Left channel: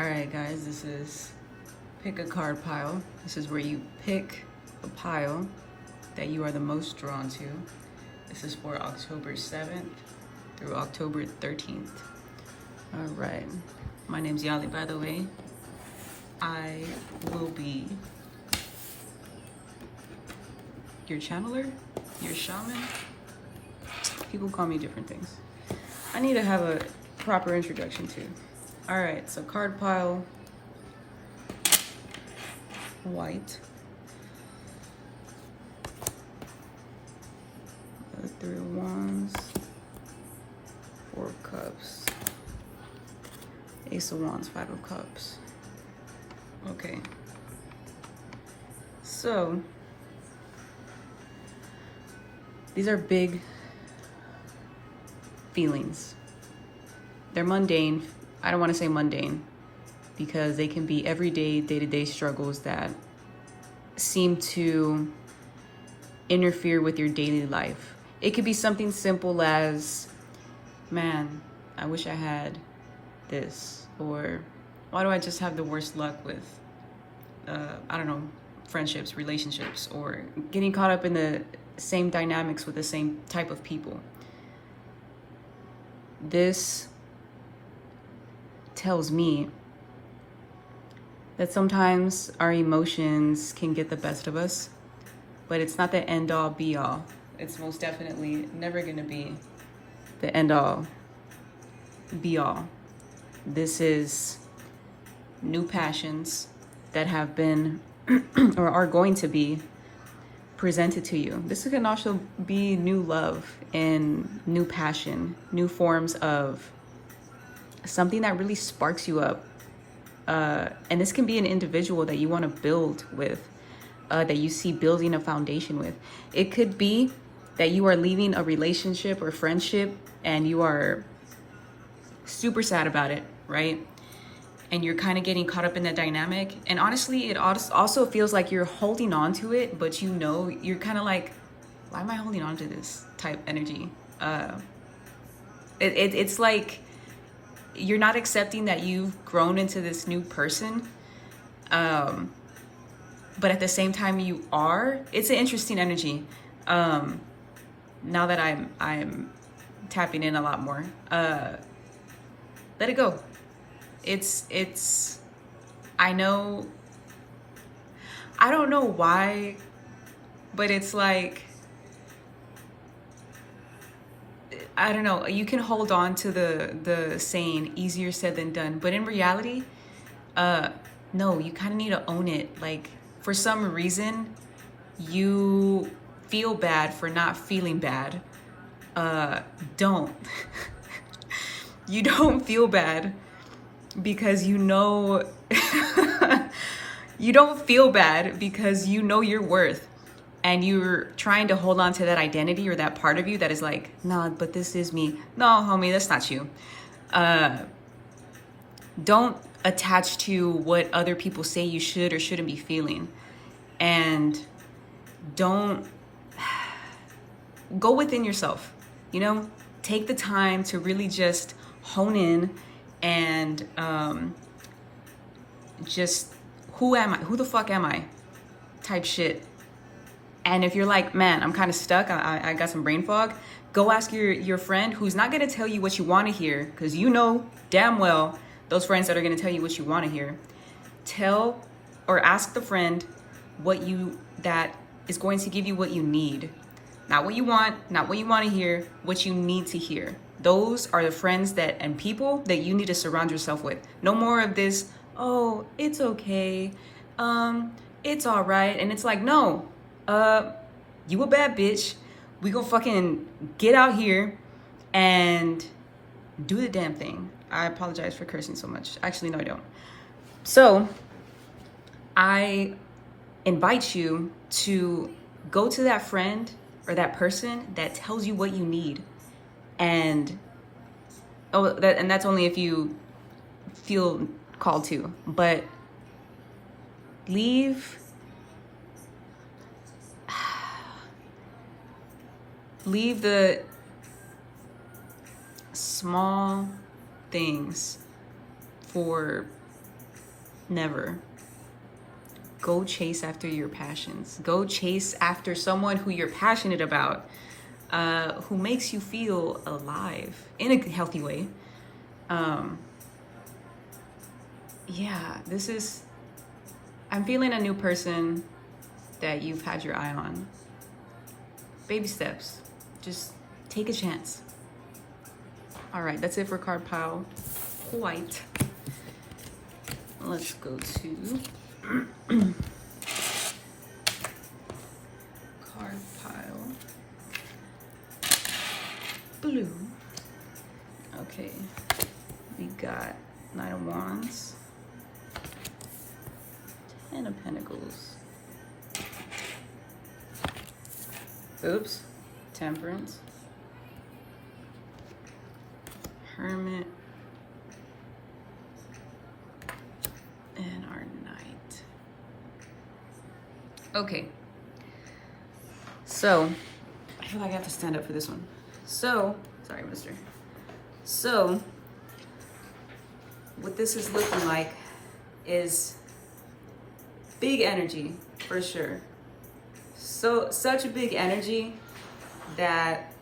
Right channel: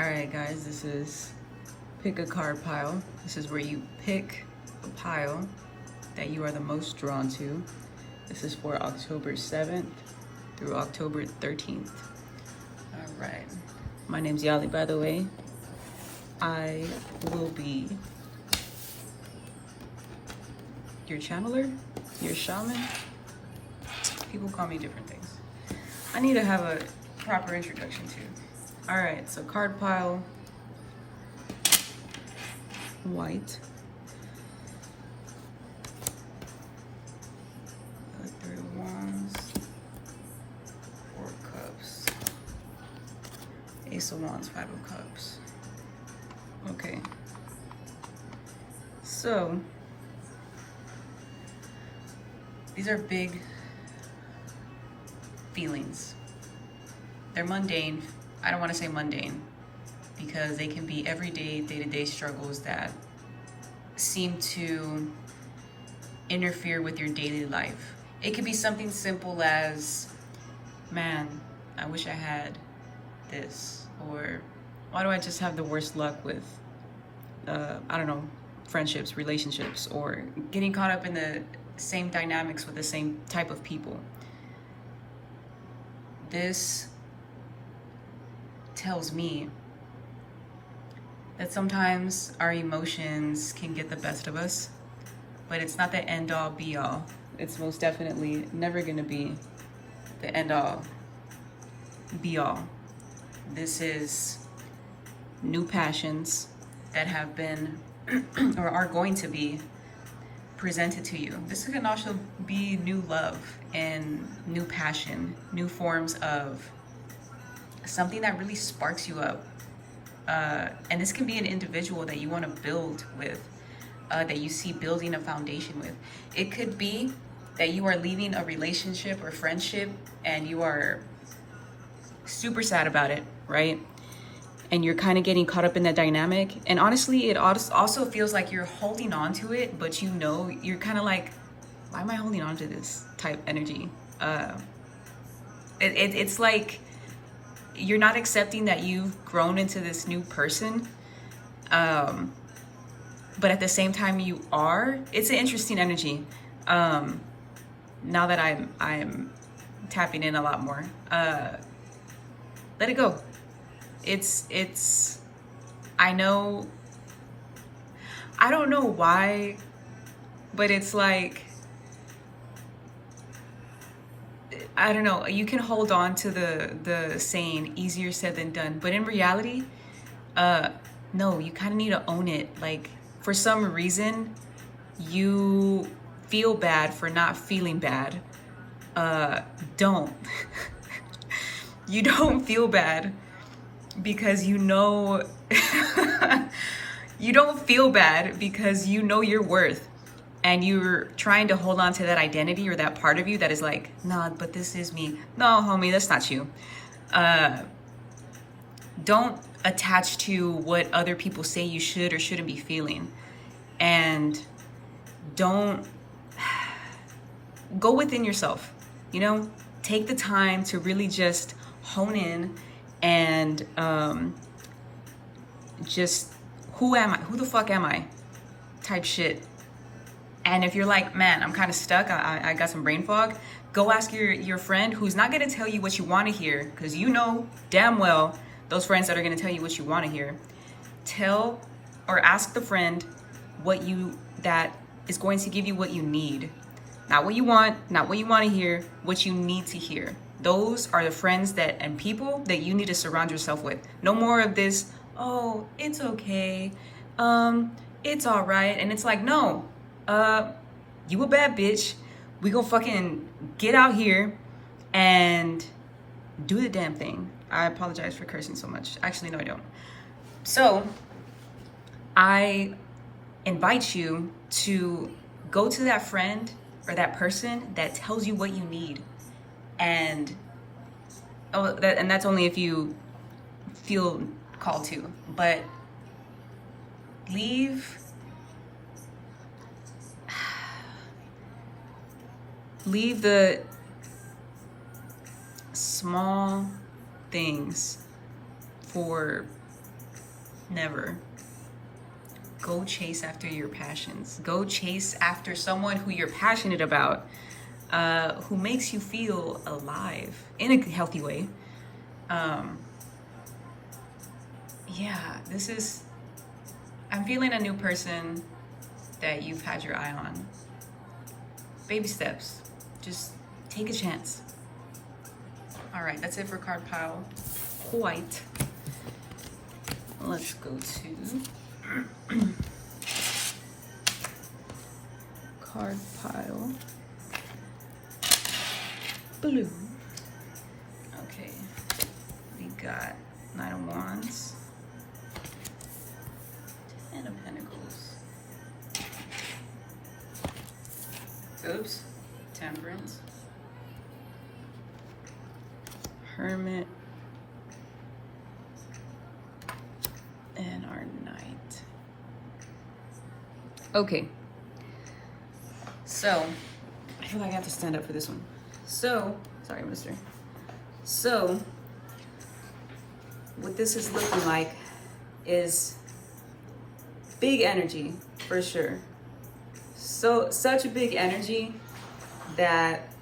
All right, guys, this is pick a card pile. This is where you pick a pile that you are the most drawn to. This is for October 7th through October 13th. All right. My name's Yali, by the way. I will be your channeler, your shaman. People call me different things. I need to have a proper introduction too. All right, so card pile, white. Three of Wands, Four of Cups, Ace of Wands, Five of Cups. Okay. So, these are big feelings. They're mundane. I don't want to say mundane because they can be everyday, day-to-day struggles that seem to interfere with your daily life. It could be something simple as, man, I wish I had this, or why do I just have the worst luck with, I don't know, friendships, relationships, or getting caught up in the same dynamics with the same type of people. This tells me that sometimes our emotions can get the best of us, but it's not the end all be all. It's most definitely never gonna be the end all be all. This is new passions that have been or are going to be presented to you. This can also be new love and new passion, new forms of something that really sparks you up. And this can be an individual that you want to build with, that you see building a foundation with. It could be that you are leaving a relationship or friendship and you are super sad about it, right? And you're kind of getting caught up in that dynamic. And honestly, it also feels like you're holding on to it, but you know, you're kind of like, why am I holding on to this type energy? It's like you're not accepting that you've grown into this new person. But at the same time you are. It's an interesting energy. Now that I'm tapping in a lot more. Let it go. It's I know, I don't know why, but it's like, I don't know, you can hold on to the saying easier said than done, but in reality, no, you kind of need to own it. Like, for some reason, you feel bad for not feeling bad. Don't. You don't feel bad because you know, you don't feel bad because you know your worth. And you're trying to hold on to that identity or that part of you that is like, nah, but this is me. No, homie, that's not you. Don't attach to what other people say you should or shouldn't be feeling. And don't go within yourself, you know? Take the time to really just hone in and just, who am I? Who the fuck am I? Type shit. And if you're like, man, I'm kind of stuck, I got some brain fog, go ask your friend who's not gonna tell you what you wanna hear, because you know damn well those friends that are gonna tell you what you wanna hear. Tell or ask the friend that is going to give you what you need. Not what you want, not what you wanna hear, what you need to hear. Those are the friends and people that you need to surround yourself with. No more of this, oh, it's okay, it's all right. And it's like, no, you a bad bitch. We gonna fucking get out here and do the damn thing. I apologize for cursing so much. Actually, no, I don't. So I invite you to go to that friend or that person that tells you what you need. And that's only if you feel called to. But leave the small things for Never. Go chase after your passions. Go chase after someone who you're passionate about, who makes you feel alive in a healthy way. Yeah, I'm feeling a new person that you've had your eye on. Baby steps. Just take a chance. All right, that's it for card pile white. Let's go to card pile blue. Okay, we got Knight of Wands, Ten of Pentacles, oops, Temperance, Hermit, and our Knight. Okay, so I feel like I have to stand up for this one. So, sorry, mister. So, what this is looking like is big energy, for sure. So, such a big energy that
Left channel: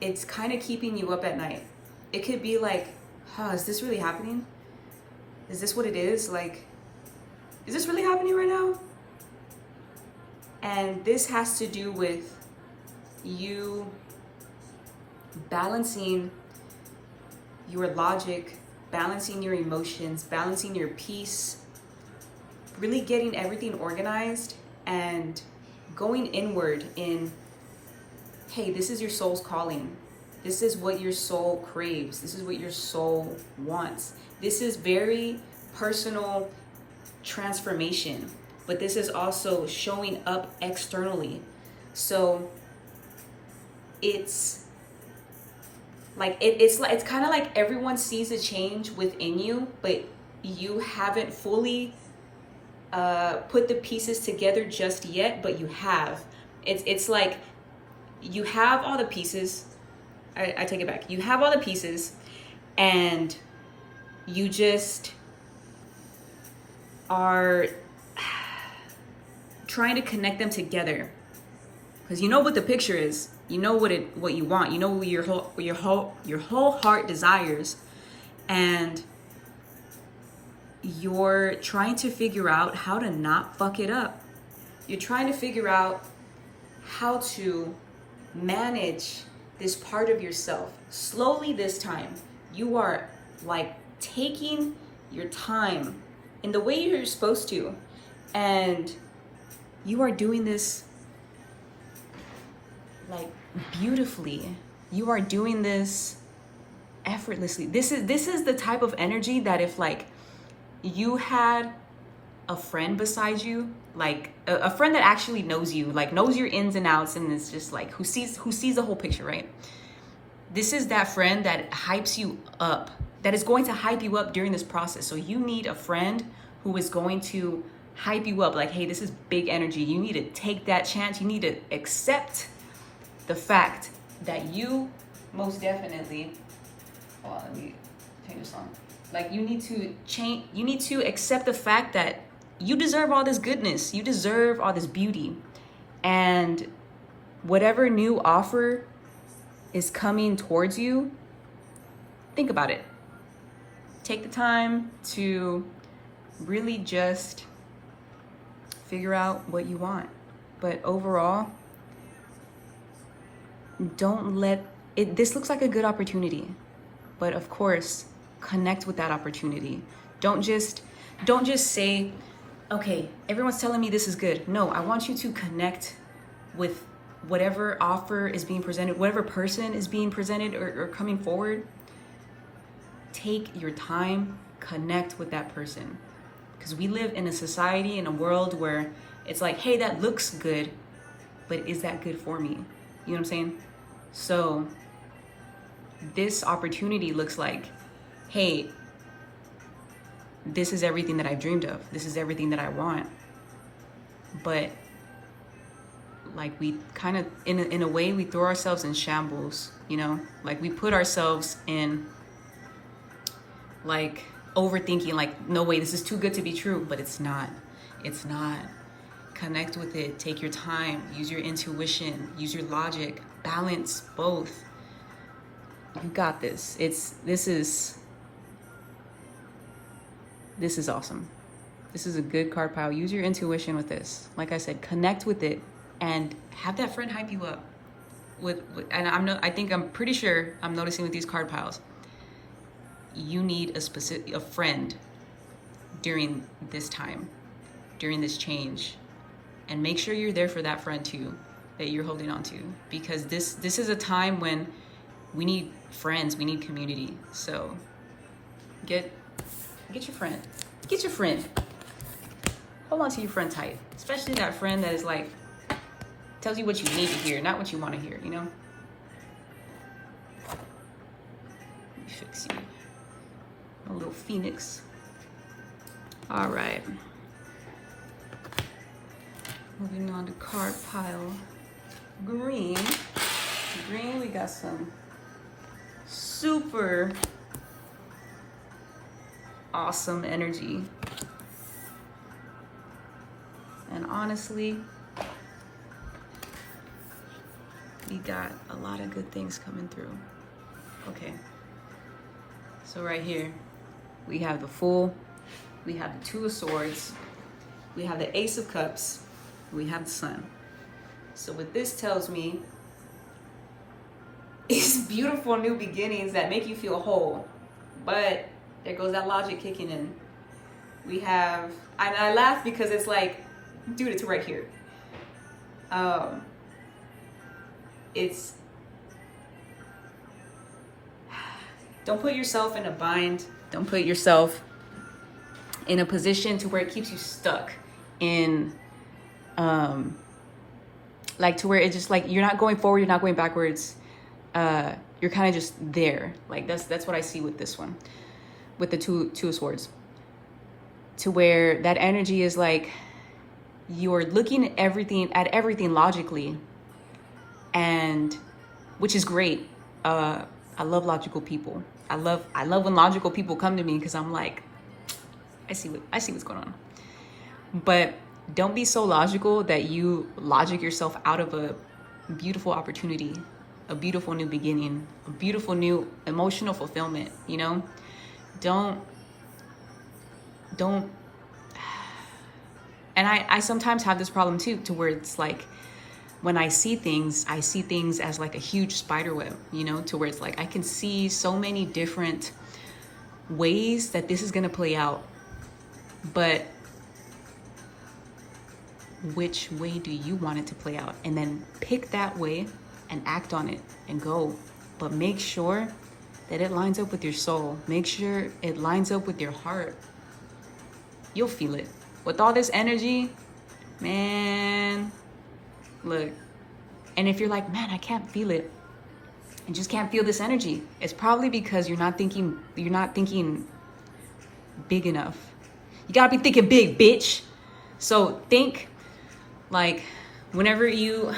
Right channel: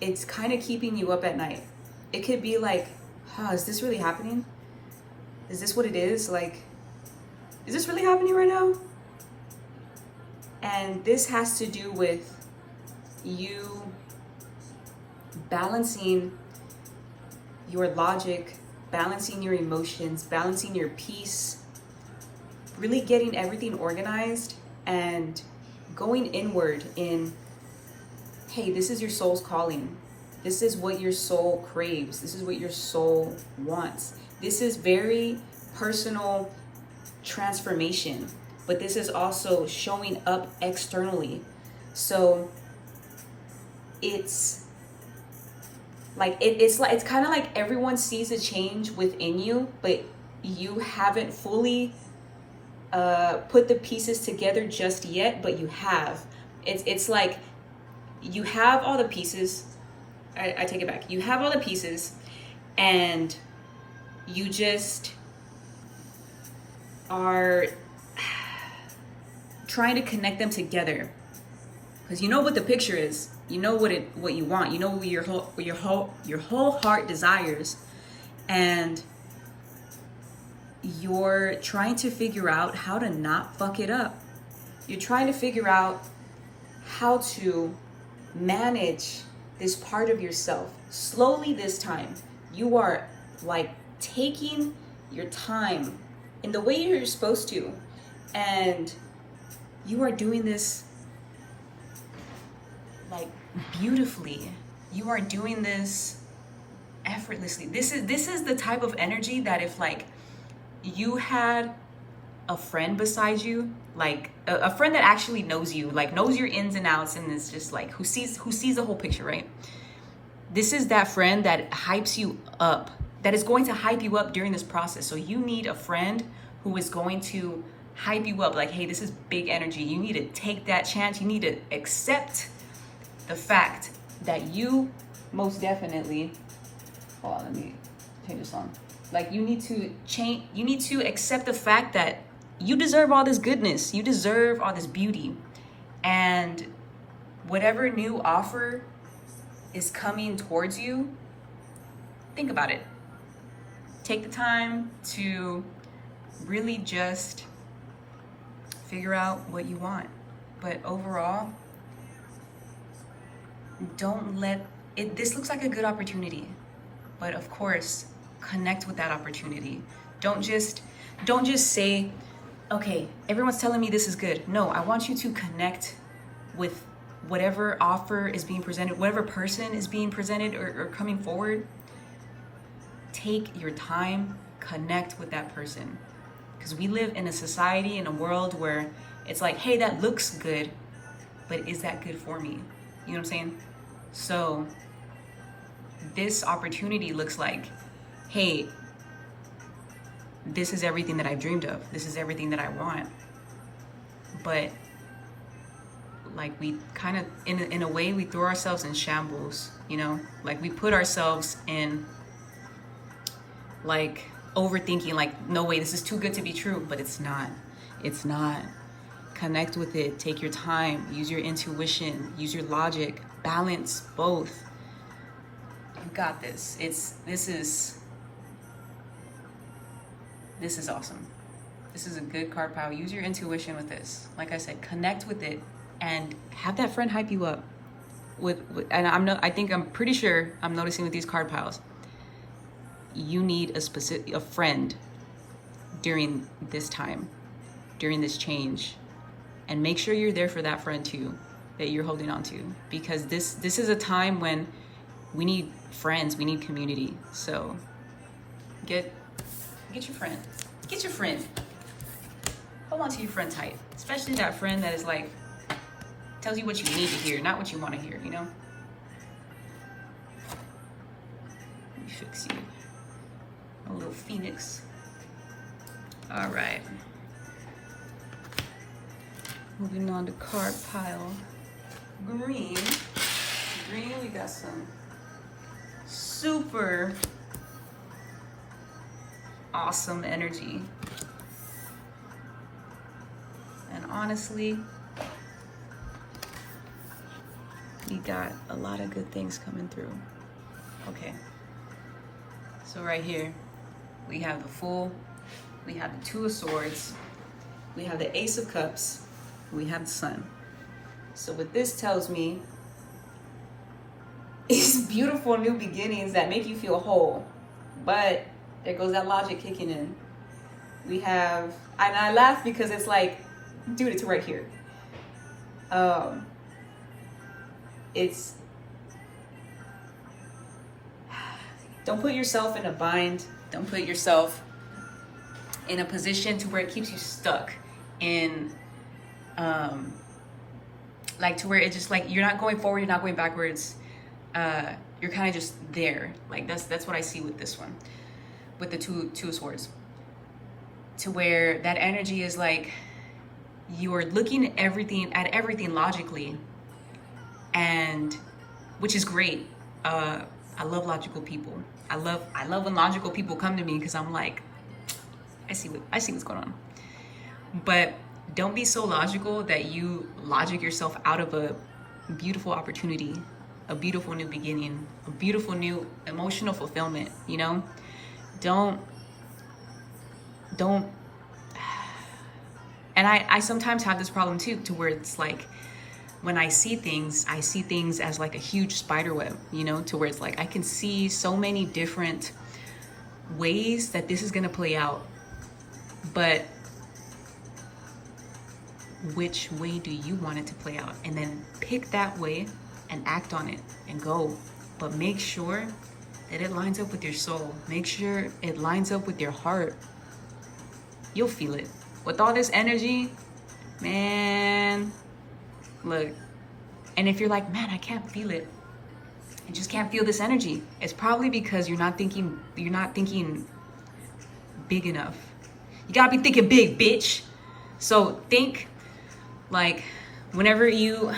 it's kind of keeping you up at night. It could be like, is this really happening? Is this what it is? Like, is this really happening right now? And this has to do with you balancing your logic, balancing your emotions, balancing your peace, really getting everything organized and going inward in, hey, this is your soul's calling. This is what your soul craves. This is what your soul wants. This is very personal transformation, but this is also showing up externally. So it's like it's kind of like everyone sees a change within you, but you haven't fully put the pieces together just yet, but you have. It's like you have all the pieces. I take it back. You have all the pieces, and you just are trying to connect them together, because you know what the picture is. You know what you want. You know what your whole heart desires, and you're trying to figure out how to not fuck it up. You're trying to figure out how to manage this part of yourself. Slowly this time, you are like taking your time in the way you're supposed to, and you are doing this like beautifully. You are doing this effortlessly. This is the type of energy that if like you had a friend beside you, like a friend that actually knows you, like knows your ins and outs, and is just like who sees the whole picture, right? This is that friend that hypes you up, that is going to hype you up during this process. So you need a friend who is going to hype you up, like, hey, this is big energy. You need to take that chance. You need to accept the fact that you most definitely, hold on, let me take this on. Like, you need to change, you need to accept the fact that you deserve all this goodness. You deserve all this beauty. And whatever new offer is coming towards you, think about it. Take the time to really just figure out what you want. But overall, don't let it, this looks like a good opportunity, but of course, connect with that opportunity. Don't just say, okay, everyone's telling me this is good. No, I want you to connect with whatever offer is being presented, whatever person is being presented or coming forward. Take your time, connect with that person. Because we live in a society, in a world where it's like, hey, that looks good, but is that good for me? You know what I'm saying? So this opportunity looks like, hey, this is everything that I've dreamed of. This is everything that I want. But like we kind of, in a way, we throw ourselves in shambles, you know? Like we put ourselves in like overthinking, like, no way, this is too good to be true, but it's not. It's not. Connect with it. Take your time. Use your intuition. Use your logic. Balance both. You got this. This is awesome. This is a good card pile. Use your intuition with this. Like I said, connect with it and have that friend hype you up. And I'm pretty sure I'm noticing with these card piles, you need a friend during this time, during this change, and make sure you're there for that friend too, that you're holding on to, because this is a time when we need friends, we need community. So get your friend. Get your friend. Hold on to your friend tight, especially that friend that is like, tells you what you need to hear, not what you want to hear, you know? Let me fix you. A little phoenix. All right. Moving on to card pile green. Green, we got some super awesome energy. And honestly, we got a lot of good things coming through. Okay. So right here, we have the Fool, we have the Two of Swords, we have the Ace of Cups, we have the Sun. So what this tells me is beautiful new beginnings that make you feel whole. But there goes that logic kicking in. We have, and I laugh because it's like, dude, it's right here. It's, don't put yourself in a bind. Don't put yourself in a position to where it keeps you stuck in, like to where it's just like, you're not going forward, you're not going backwards. You're kind of just there. Like that's what I see with this one, with the two of Swords, to where that energy is like, you're looking at everything logically, and which is great. I love logical people. I love when logical people come to me, because I'm like, I see what's going on. But don't be so logical that you logic yourself out of a beautiful opportunity, a beautiful new beginning, a beautiful new emotional fulfillment, you know? Don't, and I sometimes have this problem too, to where it's like, when I see things as like a huge spider web, you know, to where it's like, I can see so many different ways that this is gonna play out, but which way do you want it to play out? And then pick that way and act on it and go. But make sure that it lines up with your soul. Make sure it lines up with your heart. You'll feel it. With all this energy, man, look. And if you're like, man, I can't feel it, I just can't feel this energy, it's probably because you're not thinking big enough. You gotta be thinking big, bitch. So think like, whenever you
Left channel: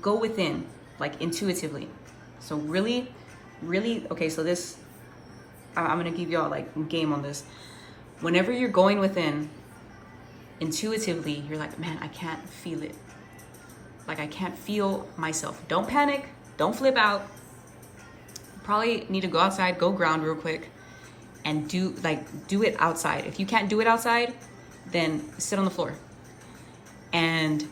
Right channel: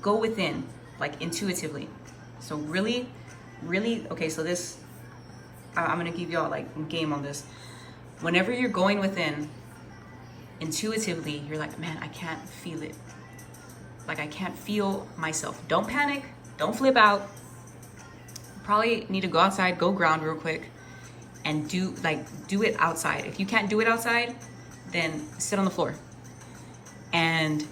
go within, like intuitively. So really, okay, so this, I'm gonna give y'all like game on this. Whenever you're going within, intuitively, you're like, man, I can't feel it. Like, I can't feel myself. Don't panic, don't flip out. Probably need to go outside, go ground real quick, and do it outside. If you can't do it outside, then sit on the floor and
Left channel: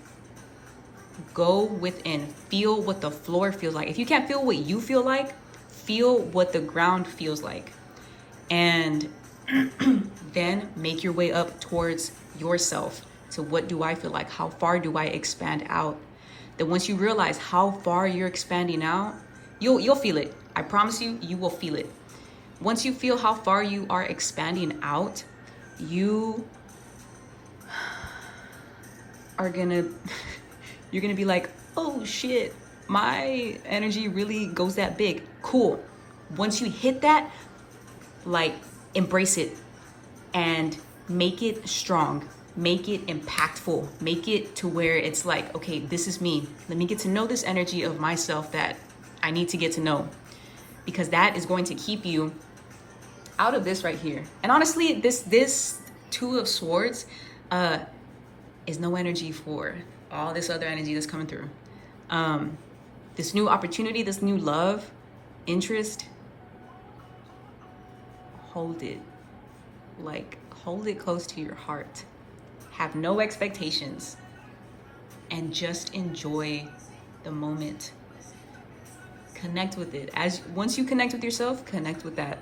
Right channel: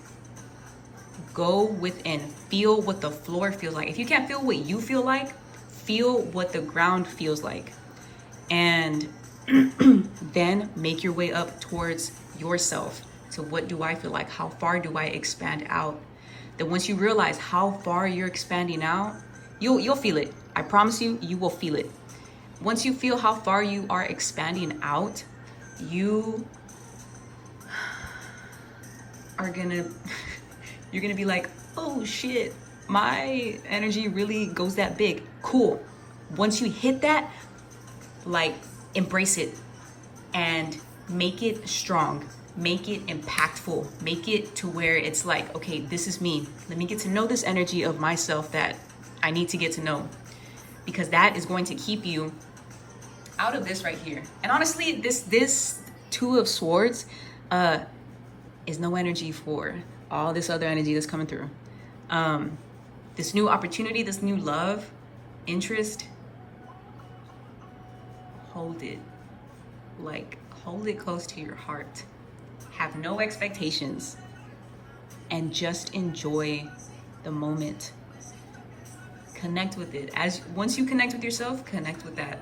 go within. Feel what the floor feels like. If you can't feel what you feel like, feel what the ground feels like. And then make your way up towards yourself. So what do I feel like? How far do I expand out? Then once you realize how far you're expanding out, you'll feel it. I promise you, you will feel it. Once you feel how far you are expanding out, you are you're gonna be like, oh shit, my energy really goes that big. Cool. Once you hit that, like, embrace it and make it strong, make it impactful, make it to where it's like, okay, this is me. Let me get to know this energy of myself that I need to get to know, because that is going to keep you out of this right here. And honestly, this Two of Swords is no energy for all this other energy that's coming through. This new opportunity, this new love, interest, hold it. Like, hold it close to your heart. Have no expectations and just enjoy the moment. Connect with it. Once you connect with yourself, connect with that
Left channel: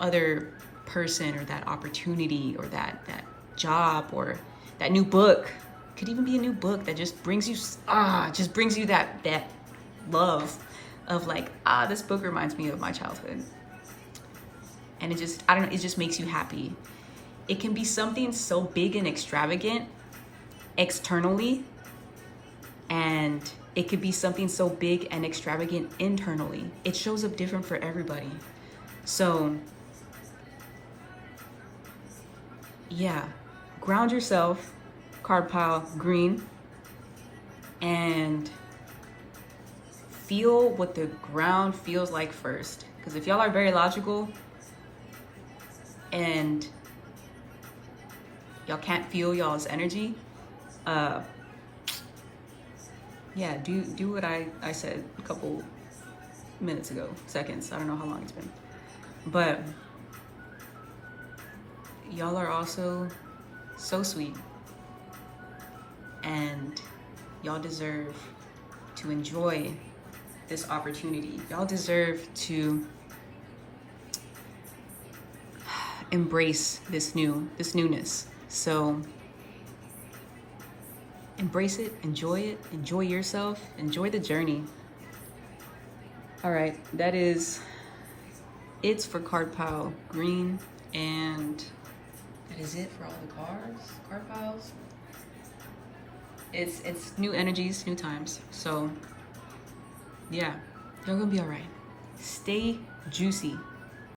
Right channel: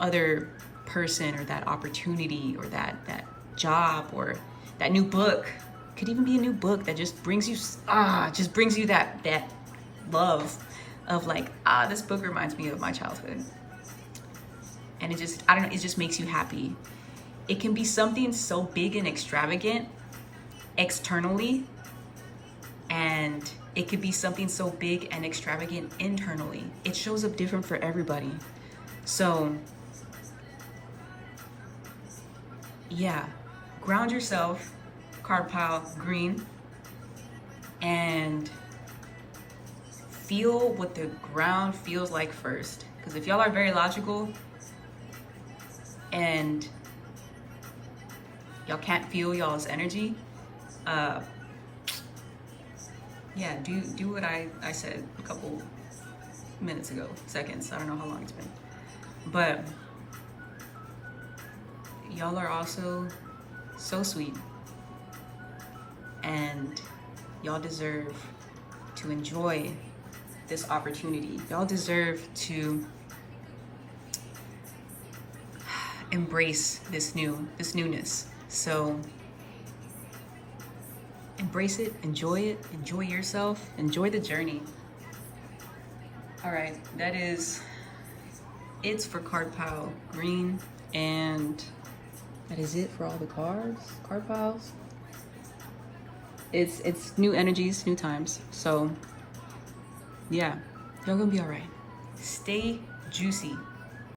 other person or that opportunity or that job or that new book. Could even be a new book that just brings you that love of like, this book reminds me of my childhood. And it just, I don't know, it just makes you happy. It can be something so big and extravagant externally, and it could be something so big and extravagant internally. It shows up different for everybody. So yeah, ground yourself, card pile green, and feel what the ground feels like first. Because if y'all are very logical and y'all can't feel y'all's energy, yeah, do what I said a couple minutes ago, seconds. I don't know how long it's been. But y'all are also so sweet. And y'all deserve to enjoy this opportunity. Y'all deserve to embrace this newness. So embrace it, enjoy yourself, enjoy the journey. All right, that is it for card pile green, and that is it for all the card piles. It's new energies, new times. So yeah, y'all gonna be all right. Stay juicy.